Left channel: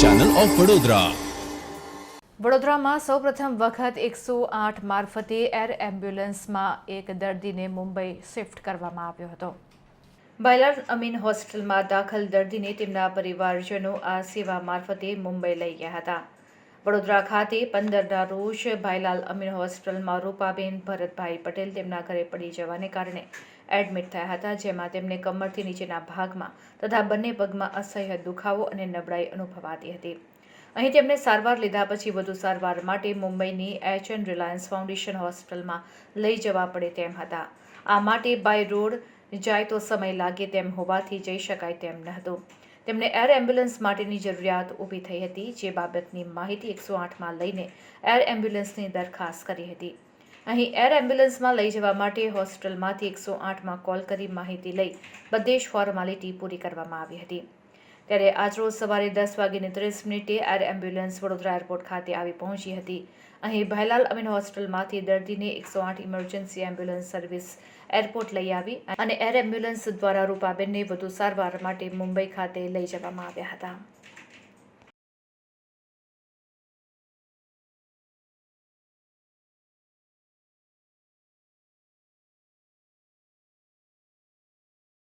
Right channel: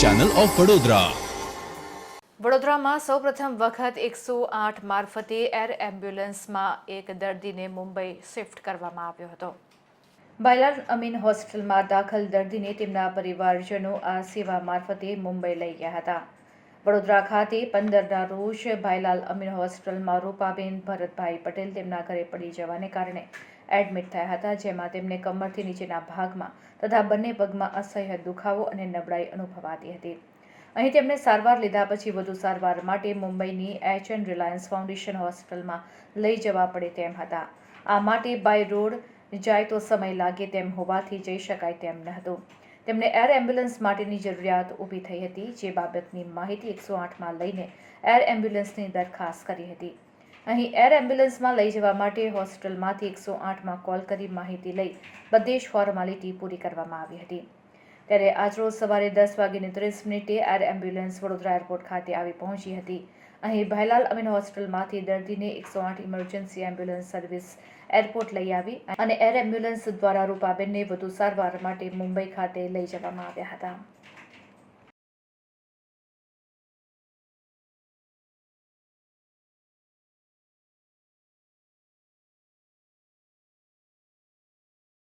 Channel of Vadodara વડોદરામાં સૌપ્રથમ વખત એકસો આઠ મારફતે એર એમ્બ્યુલન્સમાં એક દર્દીને મુંબઈ શિફ્ટ કરવામાં આવ્યો હતો. બાયલાલ અમીન હોસ્પિટલમાં દાખલ દર્દીને તેમના પરિવારજનો આ સેવા મારફતે મુંબઈ લઈ ગયા હતા. વડોદરા ખાતે પંદરના રોજ ભાઈલાલ અમીર હોસ્પિટલમાં રૂપાબેન ભરતભાઈ પટેલ તેમના ઘરે પડી જવાને કારણે એડમિટ થયા હતા, જેમાં તેમને કમરથી નીચેના ભાગમાં તથા બંને પગમાં અસહ્ય દુખાવો અને નબળાઈ અનુભવાતી હતી. અહીં તેમને સારવાર લીધા પછી વધુ સારવાર માટે મુંબઈની એચ એન રિલાયન્સ ફાઉન્ડેશન હોસ્પિટલમાં લઈ જવા પડે તેમ હતા. આ માટે બાય રોડ જાય તો સમય લાગે તેમ હોવાથી જઈ શકાય તેમ ન હતું તેમને એર એમ્બ્યુલન્સ માટેની જરૂરિયાત ઊભી થઈ હતી, જે બાબતની માહિતી એકસો આઠમાં લઈને એર એમ્બ્યુલન્સની દરખાસ્ત કરી હતી. અહીં એર એમ્બ્યુલન્સમાં લઈ જવા માટે હોસ્પિટલમાંથી એકસો આઠમાં કોલ કરી માહિતી લઈ બધી જ ફોર્માલિટી પૂરી કરવામાં આવી હતી. ત્યારે આજરોજ સવારે દસ વાગીને ત્રીસ મિનિટે એર એમ્બ્યુલન્સ વડોદરા એરપોર્ટ ખાતે આવી પહોંચી હતી. અહીં ભાઈલાલ અમીન હોસ્પિટલમાંથી દર્દીને એકસો આઠ ઇમરજન્સી એમ્બ્યુલન્સ સર્વિસ એરપોર્ટ લઈ આવી અને એર એમ્બ્યુલન્સ દ્વારા રૂપાબેનને વધુ સારવાર માટે મુંબઈ ખાતે લઈ જવામાં આવ્યા હતા.